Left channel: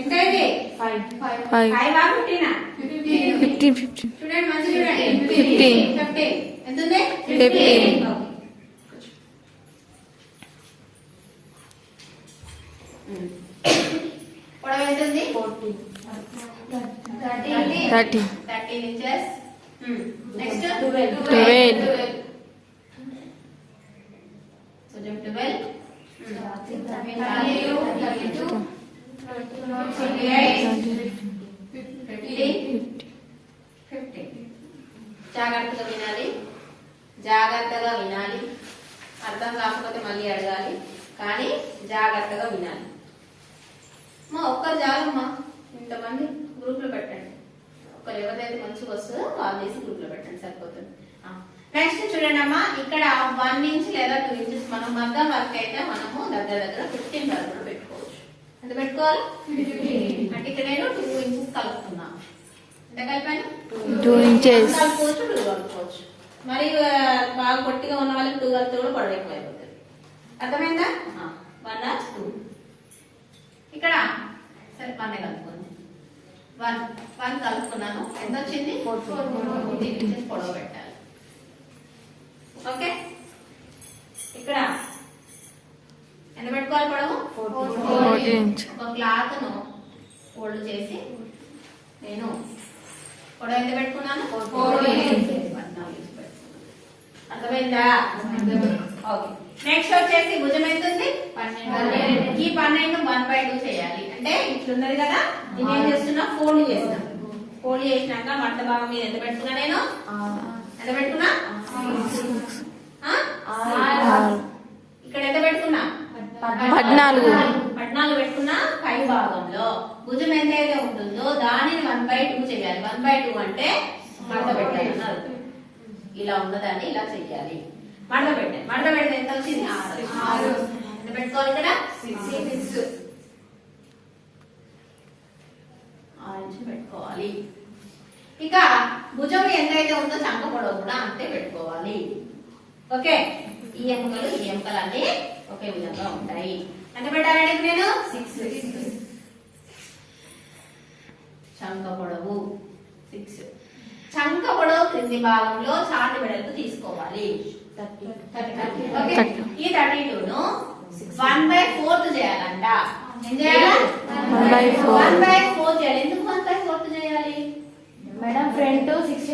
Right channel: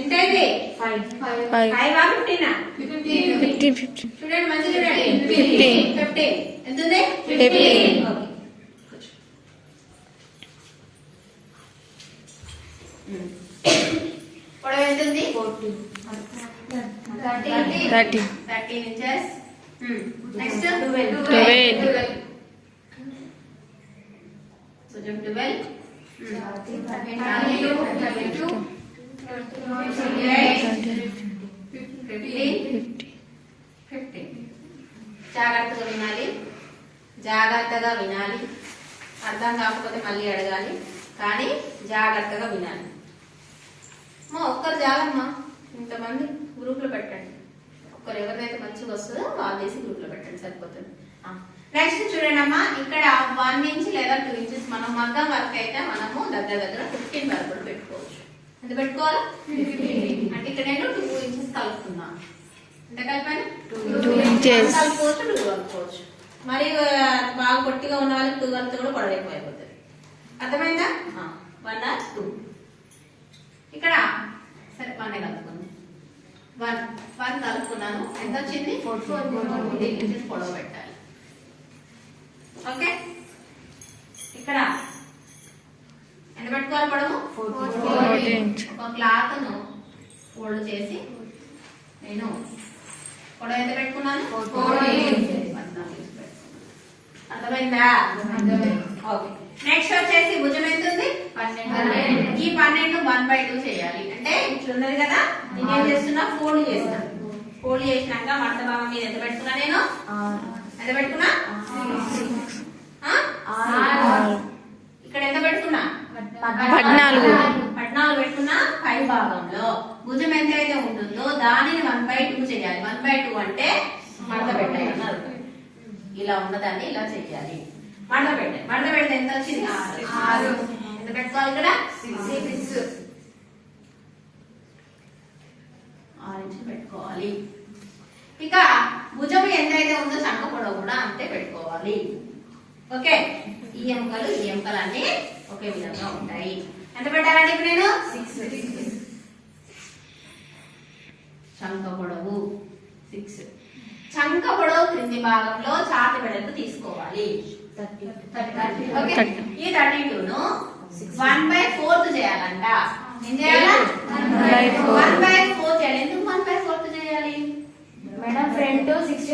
ఎంత అయితే 5 15 చూడండి మంచిగా చూడండి 15 ఎంత ఉంది 15 పొడవు ఎంత ఉంది 13 ఇంచెస్ నెక్స్ట్ 12 కొంచెం 15 జాగ్రత్తగా వినాలి అర్థం కాకపోతే మళ్ళీ అడగాలి కానీ జాగ్రత్తగా వినాలి ఒక్కరు చాలమ్మా ఇంతమంది గ్రూప్ లో పెట్టండి ఒక్కరు ఎవరిదైతే మంచిగా వస్తుందో వాళ్ళు వేసి గ్రూప్ లో పెట్టండి సరిపోతుంది నెక్స్ట్ చూడండి అమ్మా ఇక్కడ 1 ఇంచ్ లేదా 2 ఇంచెస్ మనం మగ్గం వర్క్ అయితే మనము దగ్గర 15 వరకు కూడా పెట్టుకోవచ్చు ఎంత పెట్టుకోవాలి అంటే ఇక్కడ నేను 2 ఇంచెస్ కలుపుతున్నాను ఎంత కలిపాను 2 ఇంచెస్ కలుపుకోవచ్చు 2 కలుపుకోవచ్చు మరి బాగా పొట్టిగా ఉన్న వాళ్ళకి 2 కలిపితే కూడా పొడవైపోతుంది అర్థమైందా 1 or 2 ఇక్కడ సరే 1 కలుపుకున్నాను 1 కలుపుకున్నాను ఎంత వచ్చింది 14 ఇంచెస్ పొడవ పెట్టాలి ఓకే ఇక్కడ ఎంత పెట్టుకోవాలి పొడవు 14 ఇంచ్ ఒక క్లాత్ ను ఫోల్డ్ చేసి నేను పొడవు ఎంత పెట్టుకున్నాను 14 అర్థమైందా ఓకే నెక్స్ట్ వచ్చేసి భుజం ఎంత ఉంది 12 ఈ 12 1/2 చేయాలి అంటే ఇట్లున్నది కదా నేనేం చేస్తున్నా ఫోల్డ్ చేసినాక మడత భాగం మీద ఎంత పెట్టుకున్నా నేను ఎంత పెట్టుకున్నా ఇక్కడ ఎంత పెట్టుకున్నా 14 పెట్టుకున్నా పై భాగంలో భుజం ఎంత అయితే ఉంటుందో దానిని 1/2 చేయాలి 1/2 అంటే మడత పెట్టాలి ఇలా ఉన్నదాన్ని ఇలా చెయ్యాలి మడత పెడితే ఎంత వచ్చింది 6 ఎంత పెట్టుకోవాలి ఇక్కడ 6 ఇంచ్ పెట్టుకోవాలి ఇక భుజం ఎంతైతే ఉందో చంక పొడవు కూడా అంతే పెట్టుకోవాలి ఓకే ఈ ఎముకలు అన్ని ఒకే విధంగా ఉంటాయి ఎంత పెట్టాలండి ఇప్పుడు నేను 6 చంక పొడవు 6 చంక పొడవు క్రింది భాగంలో చాటి వెడల్పు తీసుకోవాలి 30 ఈ 32 ను 1/4 చేయాలంట ఏం చేయాలి 1/4 చేయాలి ఎందుకు 1/4 చేయాలి మేడం ఫ్రంట్ 60